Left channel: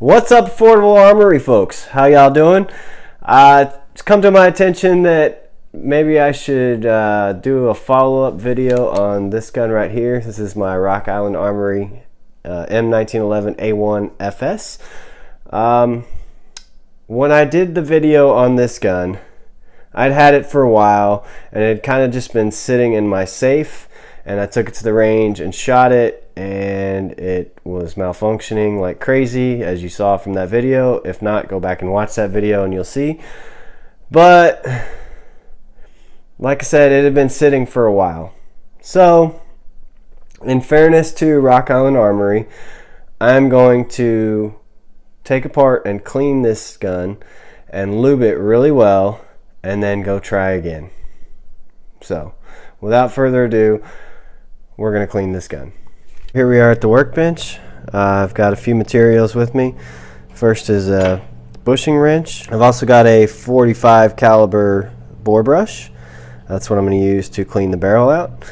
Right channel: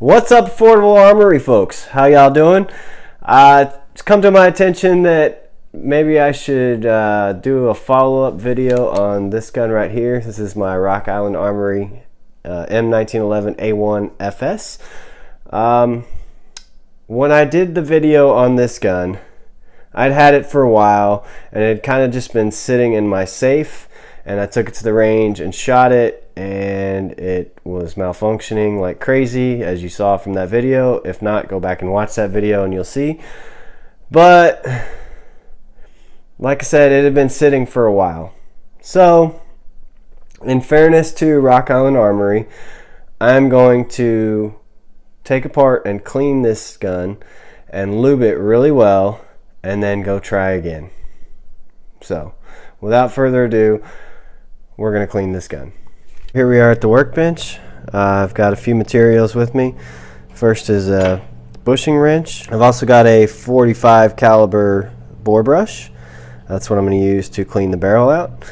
What's up, Affordable Armory folks? How y'all doing? It's come to my attention that maybe I should do a follow-up video on this gun right here. This is my Rock Island Armory M1911A1-FS. When I did the video on this gun, I'd had it for a while and it had kind of just been sitting in my safe, and I took it to the range and shot it, and it was malfunctioning like crazy, as you saw from that video. If not, go back and watch that video and you'll see. But like I said, it had been sitting for a while. So in fairness to Rock Island Armory, I'm going to take apart and clean this gun and lube it really well and then go try again. So without further ado, we're going to clean this gun. Here we are at the workbench. I've got a few materials with me. First is a bushing wrench. I've also got a 45 caliber bore brush. That's what I'm going to use to clean the barrel out.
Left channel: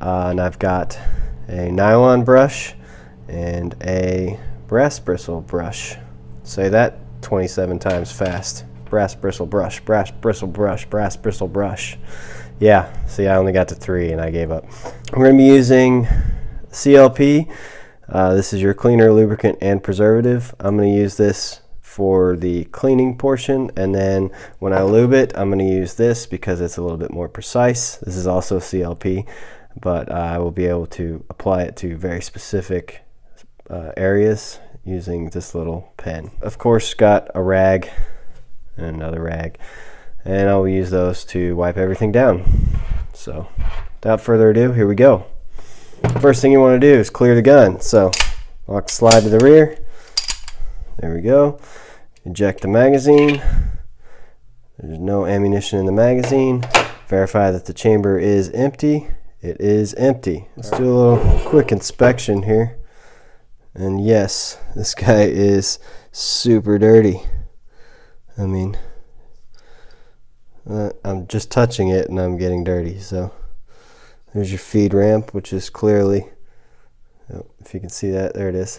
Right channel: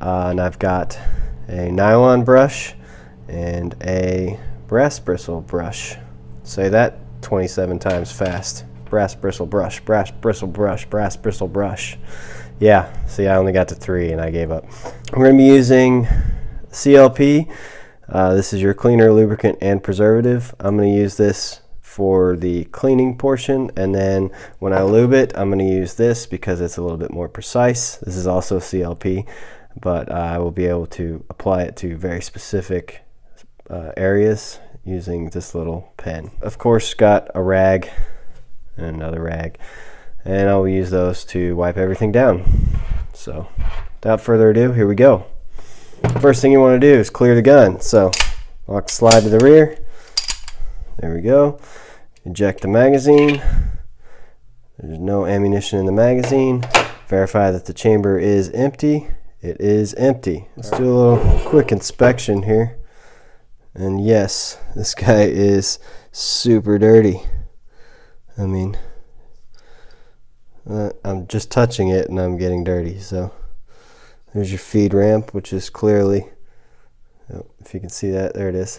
And I've got a nylon brush and a brass bristle brush. Say that 27 times fast. Brass bristle brush, brass bristle brush, brass bristle brush. Yeah, see, I only got to 3 and I gave up. I'm going to be using CLP. This is your cleaner, lubricant, and preservative. I'm going to use this for the cleaning portion, and then when I lube it, I'm going to use this because it's a little bit more precise. This is also CLP, but I will be able to apply it to very specific areas using this little pen. Of course, got a rag and another rag, and I'll use those to wipe everything down. So without further ado, here we go. First thing you want to do is clear the gun. So lock the slide to the rear. There we go. Eject the magazine. There's no ammunition in the magazine. Verify that the chamber is empty. It is empty. Let's do a little quick inspection here. And yes, this guy is super dirty. I mean, I'm just touching it and I'm getting dirty. So there's your feed ramp, which is clearly, if you can see that, there it is.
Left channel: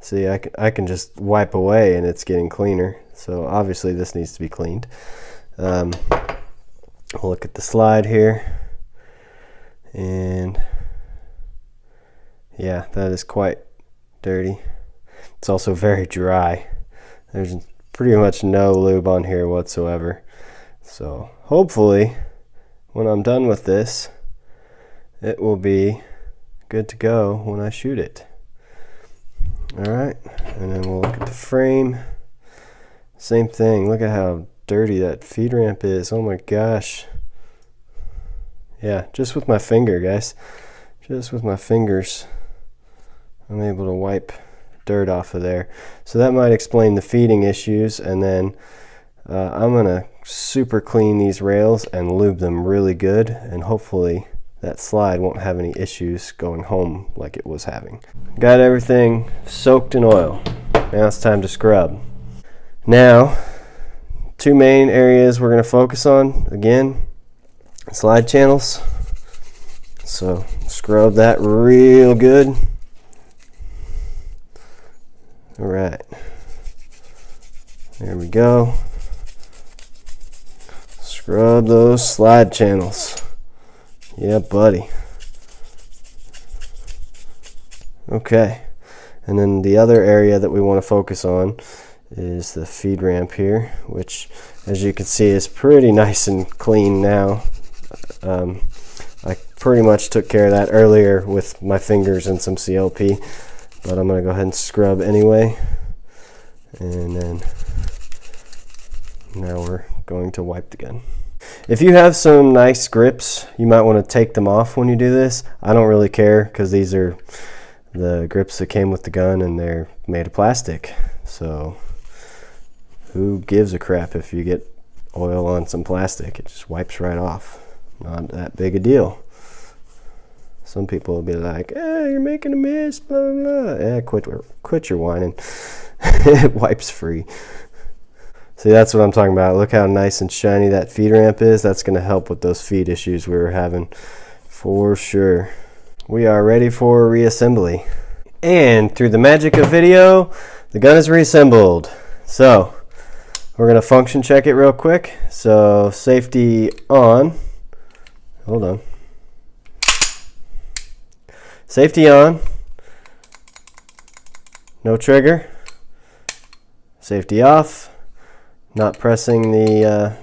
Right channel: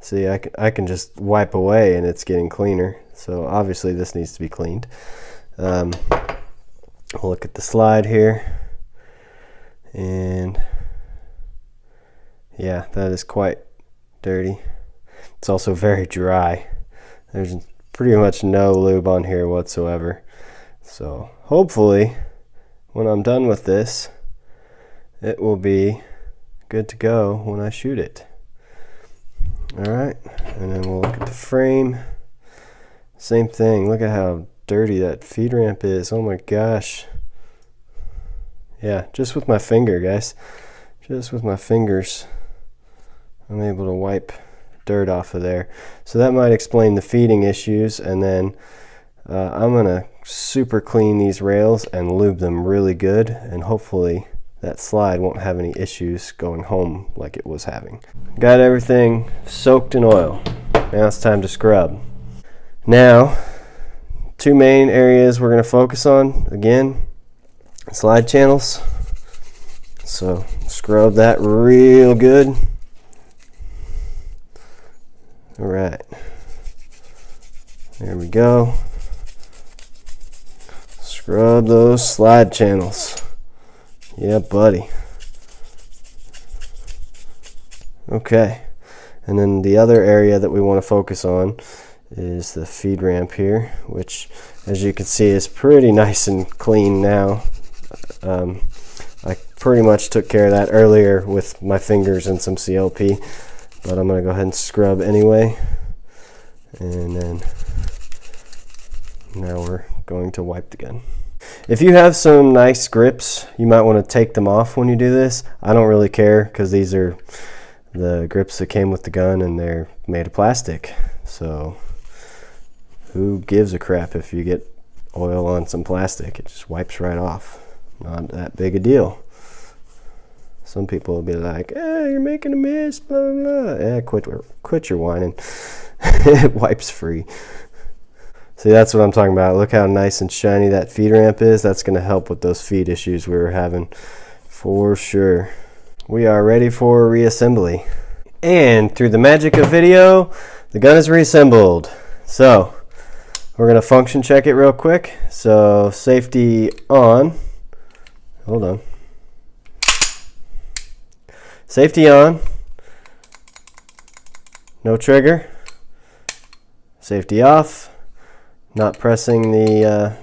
See, I can just wipe away and it's getting cleaner. So obviously this needs to be cleaned. We'll look at the slide here. And yeah, that is quite dirty. It's also very dry. There's pretty much no lube on here whatsoever. So hopefully when I'm done with this, it will be good to go when I shoot it. Alright, and then we'll look at the frame. Same thing. Look at how dirty that feed ramp is. Oh my gosh. Yeah, just with my finger, guys. Just with my fingers, I'm able to wipe dirt off of there. So that might explain the feeding issues. And then I'm going to super clean these rails and lube them really good, and hopefully that slide won't have any issues going home like it was having. Got everything soaked in oil. Now it's time to scrub. Now, 2 main areas we're going to focus on. Again, slide channels. So scrub that real good. Alright. There we go. Scrub those slide channels. Yeah, buddy. Okay, and then the other area that we want to focus on is the feed ramp here, which, as you can see, is pretty nice and clean now. I pretty much took care of that earlier with my fingers and some CLP, but I'm going to go ahead and scrub anyway. And then now we're going to wipe the gun. If you have some nice grips, you might want to take them off when you do this. I don't really care because these are the grips that came with the gun and they're made of plastic. So who gives a crap if you get oil on some plastic? It just wipes right off. Not that big a deal. Some people will be like, "Hey, you're making a mess, blah, blah, blah." Quit your whining. It wipes free. See, that's what I'm talking about. Look how nice and shiny that feed ramp is. That's going to help with those feed issues we were having for sure. We are ready for reassembly. And through the magic of video, The gun is reassembled. So we're going to function check it real quick. So safety on. Hold on. Safety on. No trigger. Safety off. Not pressing the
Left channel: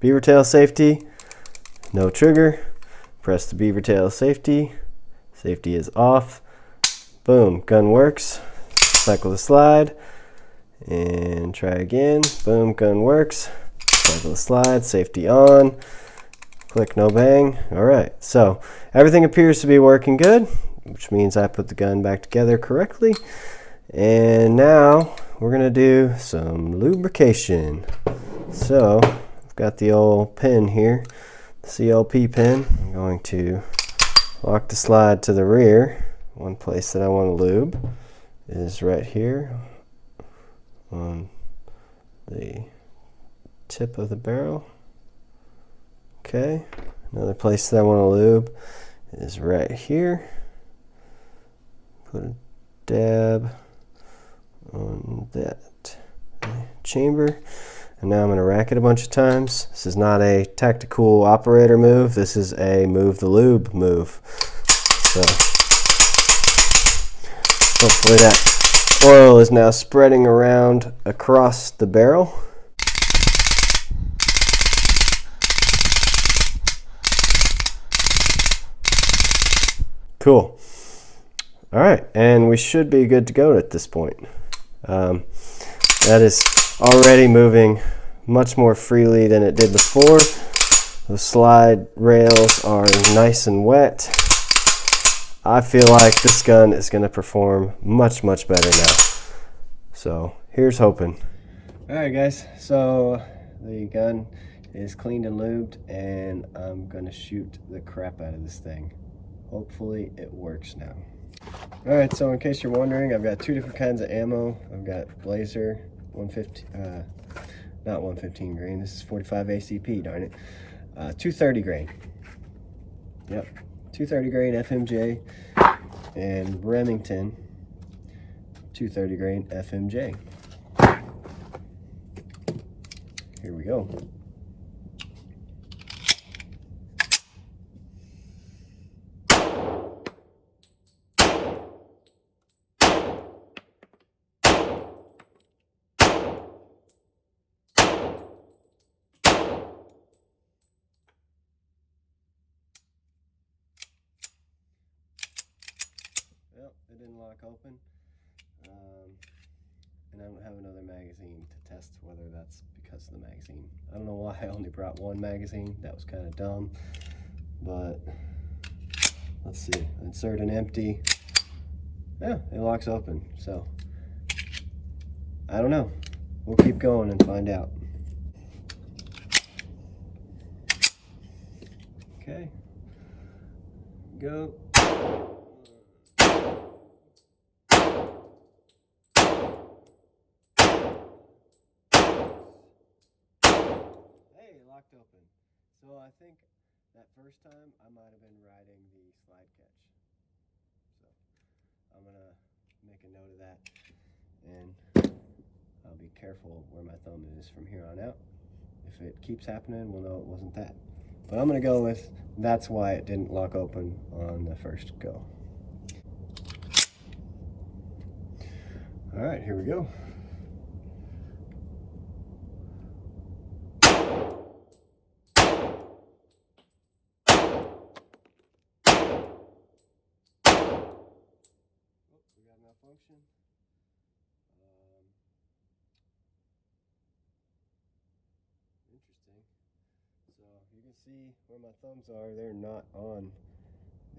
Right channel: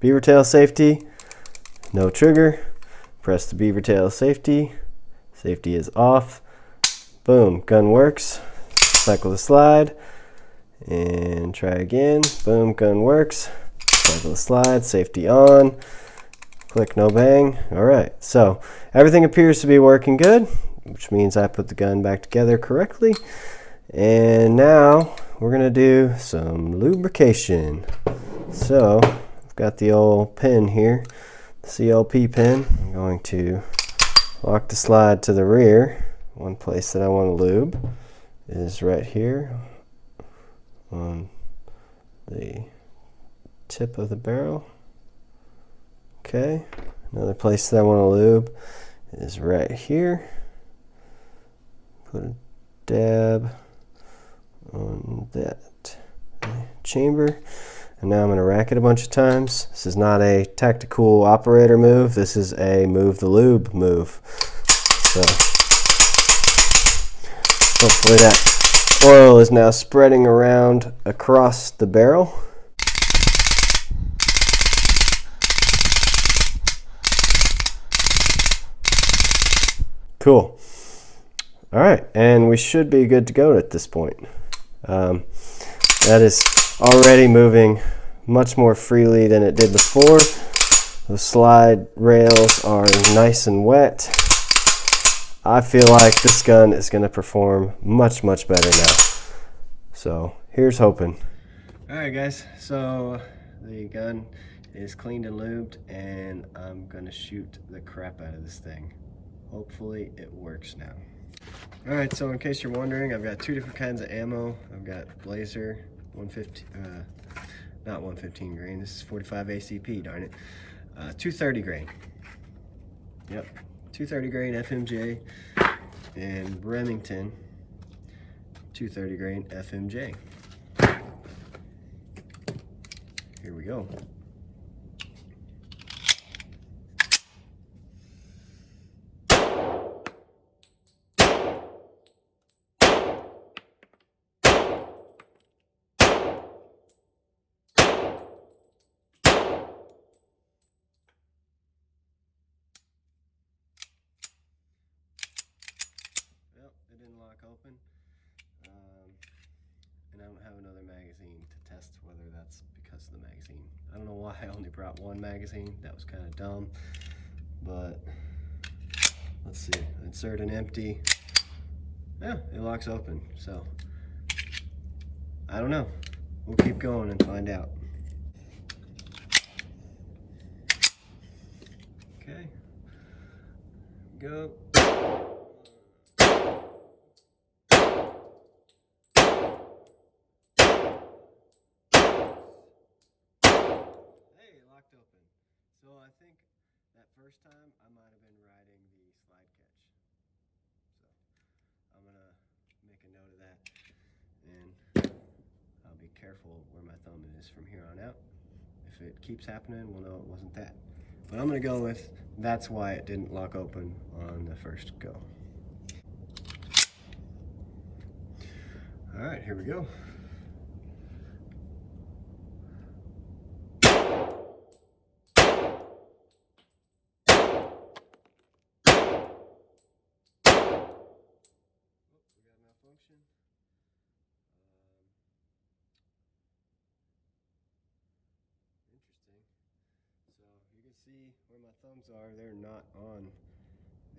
beaver tail safety. No trigger. Press the beaver tail safety. Safety is off. Boom. Gun works. Cycle the slide. And try again. Boom. Gun works. Cycle the slide. Safety on. Click no bang. Alright. So everything appears to be working good, which means I put the gun back together correctly. And now we're going to do some lubrication. So I've got the old pin here, the CLP pin. I'm going to lock the slide to the rear. One place that I want to lube is right here on the tip of the barrel. Okay, another place that I want to lube is right here. Put a dab on that chamber, and now I'm going to rack it a bunch of times. This is not a tactical operator move, this is a move the lube move. So hopefully that oil is now spreading around across the barrel. Cool. All right, and we should be good to go at this point. That is already moving much more freely than it did before. The slide rails are nice and wet. I feel like this gun is going to perform much, much better now. So here's hoping. All right, guys, so the gun is cleaned and lubed, and I'm going to shoot the crap out of this thing. Hopefully it works now. All right, so in case you're wondering, I've got two different kinds of ammo. I've got Blazer 150, not 115 grain. This is 45 ACP, darn it. 230 grain. Yep, 230 grain FMJ, and Remington 230 grain FMJ. Here we go. Well, it didn't lock open, and I don't have another magazine to test whether that's because of the magazine. I don't know why I only brought one magazine. That was kind of dumb, but let's see. Insert an empty. Yeah, it locks open, so I don't know. We'll keep going and find out. Okay, go. Locked open. So I think that first time I might have been riding the slide catch. So I'm gonna make a note of that, and I'll be careful where my thumb is from here on out. If it keeps happening, we'll know it wasn't that. But I'm gonna go with that's why it didn't lock open on the first go. All right, here we go. Function. Interesting. So you can see where my thumbs are. They're not on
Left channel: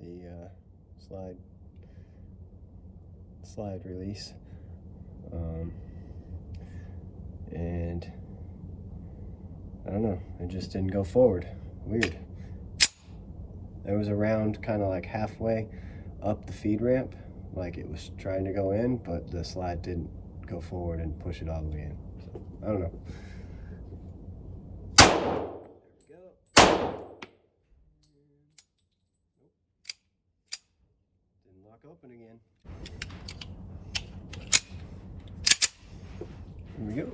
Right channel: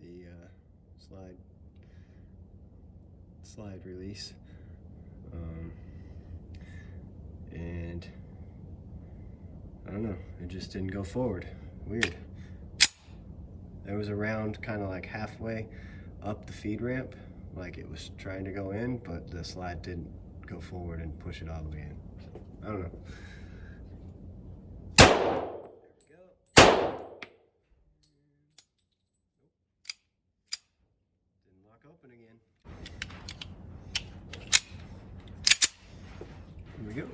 the slide release, and I don't know. It just didn't go forward. Weird. There was a round kind of like halfway up the feed ramp, like it was trying to go in, but the slide didn't go forward and push it all the way in. So, I don't know. There we go. Didn't lock open again. Here we go.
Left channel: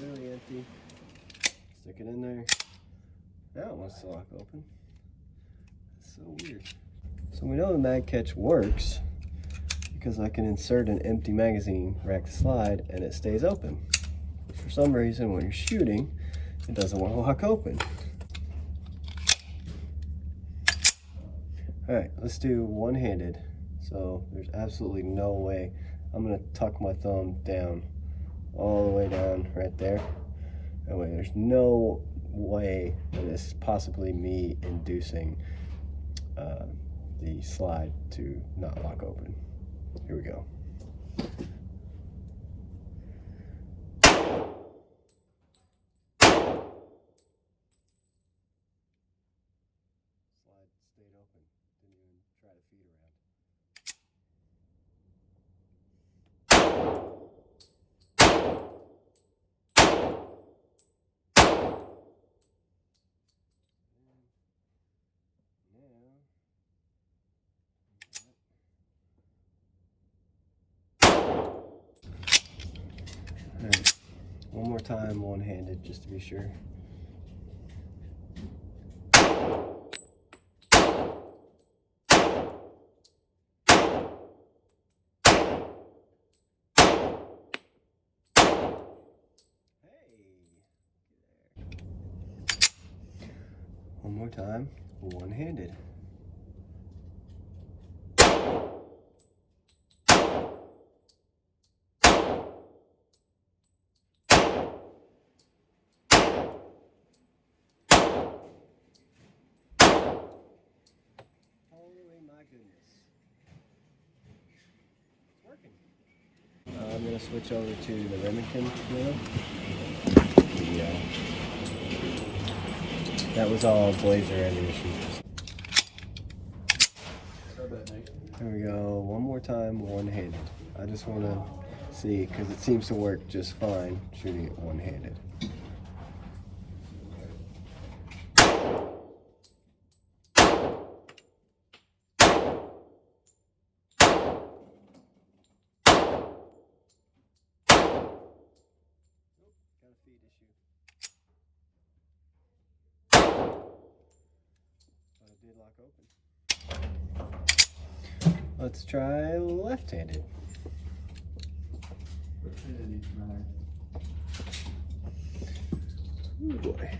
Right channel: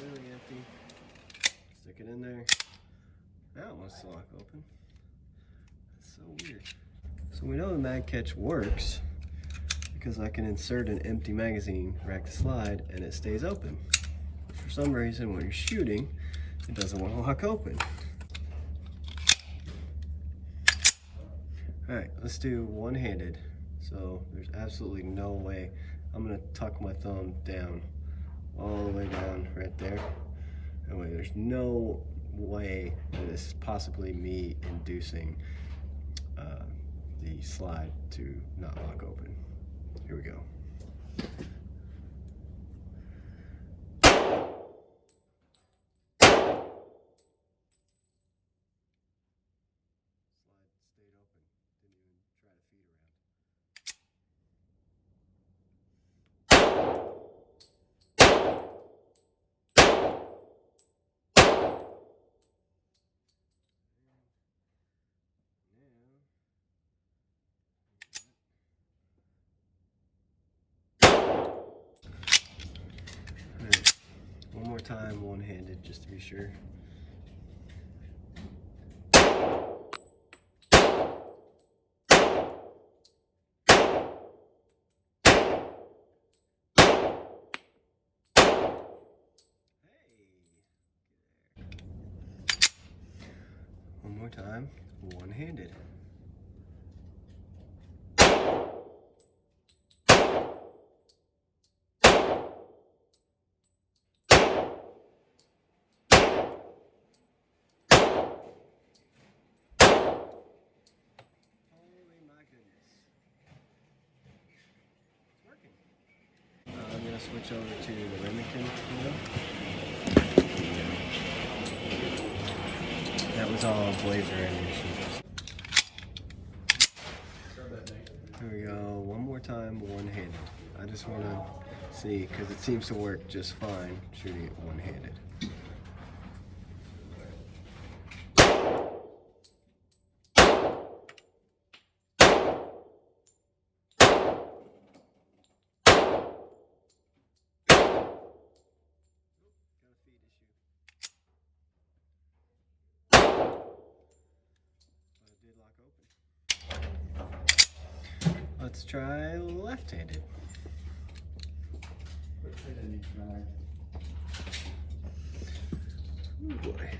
Really empty. Stick it in there. Now it wants to lock open. That's so weird. So we know the mag catch works because I can insert an empty magazine, rack the slide, and it stays open. But for some reason, when you're shooting, it doesn't want to lock open. All right, let's do one-handed. So there's absolutely no way. I'm gonna tuck my thumb down, all the way down right there. That way there's no way that it's possibly me inducing the slide to not lock open. Here we go. Slide stayed open. Didn't even try to feed around. Alright, one more time, one-handed, just to be sure. One more time, one-handed. Holy my goodness. It's working. I'm going to switch over to the Remington now. That was all Blazer ammunition. There we go, one more time, one-handed. I just want to see, because it seems to work just fine shooting it one-handed. Lock open. Let's try left-handed. Oh boy.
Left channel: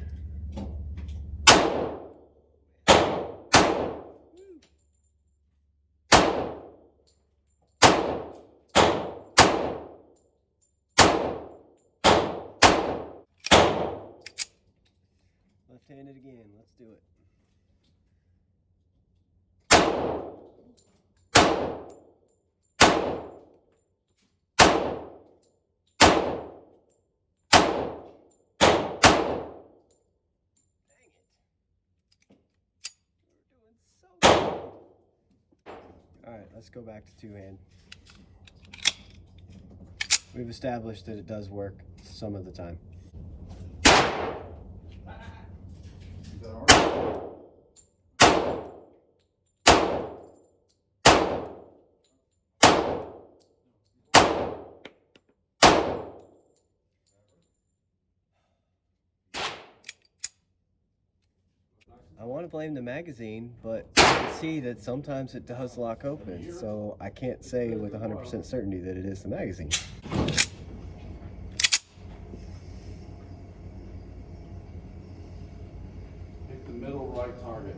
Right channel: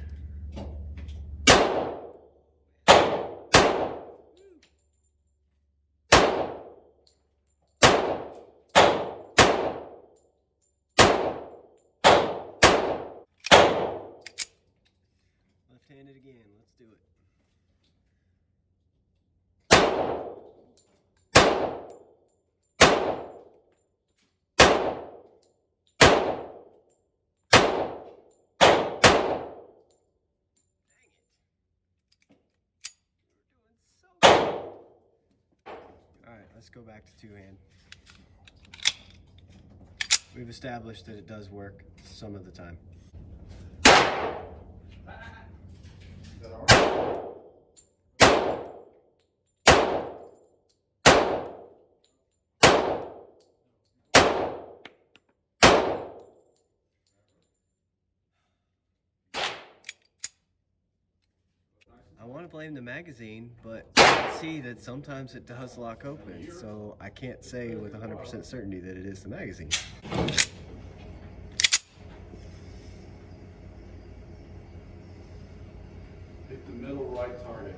Left-handed again, let's do it. Alright, let's go back to two-hand. We've established that it does work some of the time. I want to blame the magazine, but I can see that sometimes it does lock open, so I can't say with 100% certainty that it is the magazine. Pick the middle right target.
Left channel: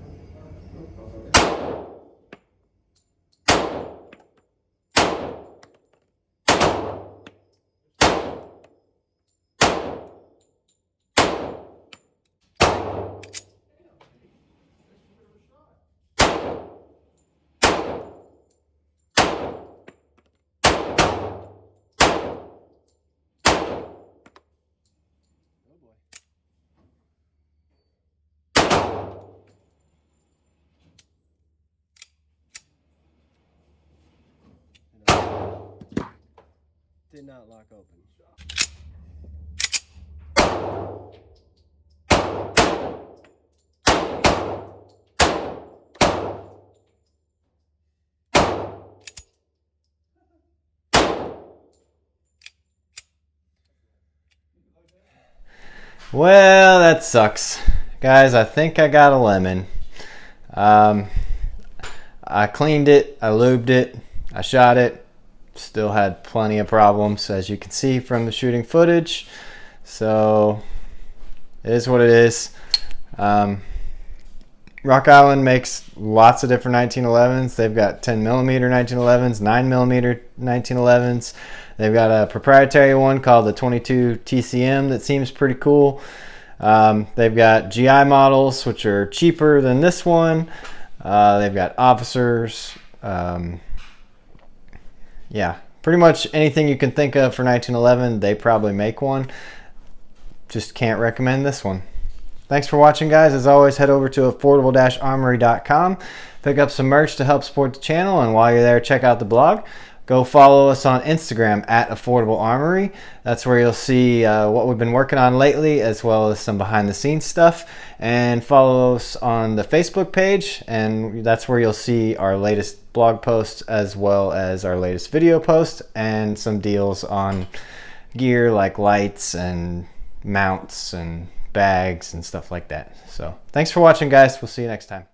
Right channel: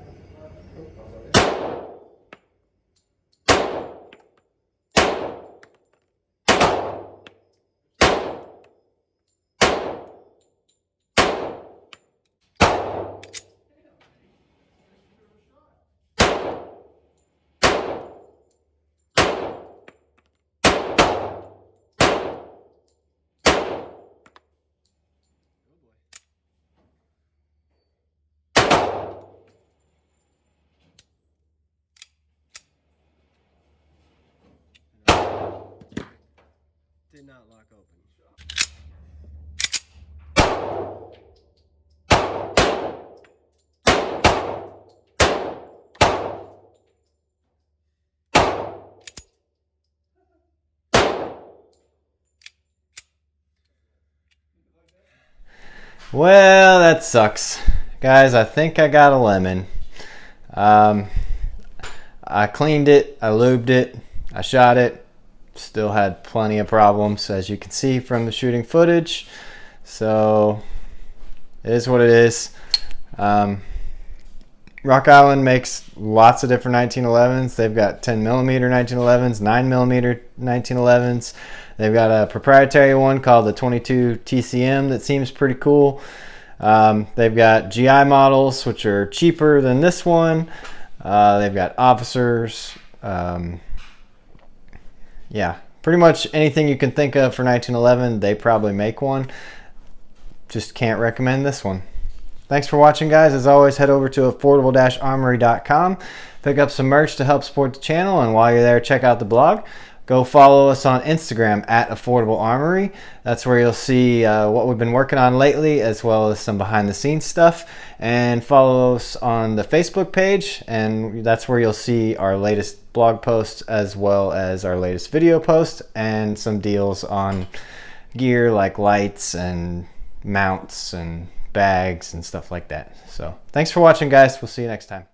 did not lock open. Well, that sucks. Guys, I think I got a lemon. I cleaned it, I lubed it, I shot it. Still had plenty of problems, as you can see from the shooting footage. So, it is what it is. Rock Island makes lots of different 1911s. They've got 10mm 1911s, 9mm 1911s. They've got a proprietary one called the 22 TCM that seems pretty cool. They've got GI models, which are cheaper than this one. They've got officers. Yeah, pretty much anything you can think of for 1911, they probably make one. Just can't recommend this one. Thanks for watching, guys. As always, head over to affordable-armory.com. Pick up some merch to help support the channel, and while you're there, check out the blog. Go follow us on Instagram at Affordable Armory. That's where you'll see what we've been working on lately, as well as some behind-the-scenes stuff. And follow us on the Facebook page, and that's where you'll see our latest blog posts, as well as our latest video post, and some deals on gear like lights and mounts and bags and stuff like that. So thanks for watching, guys. We'll see you next time.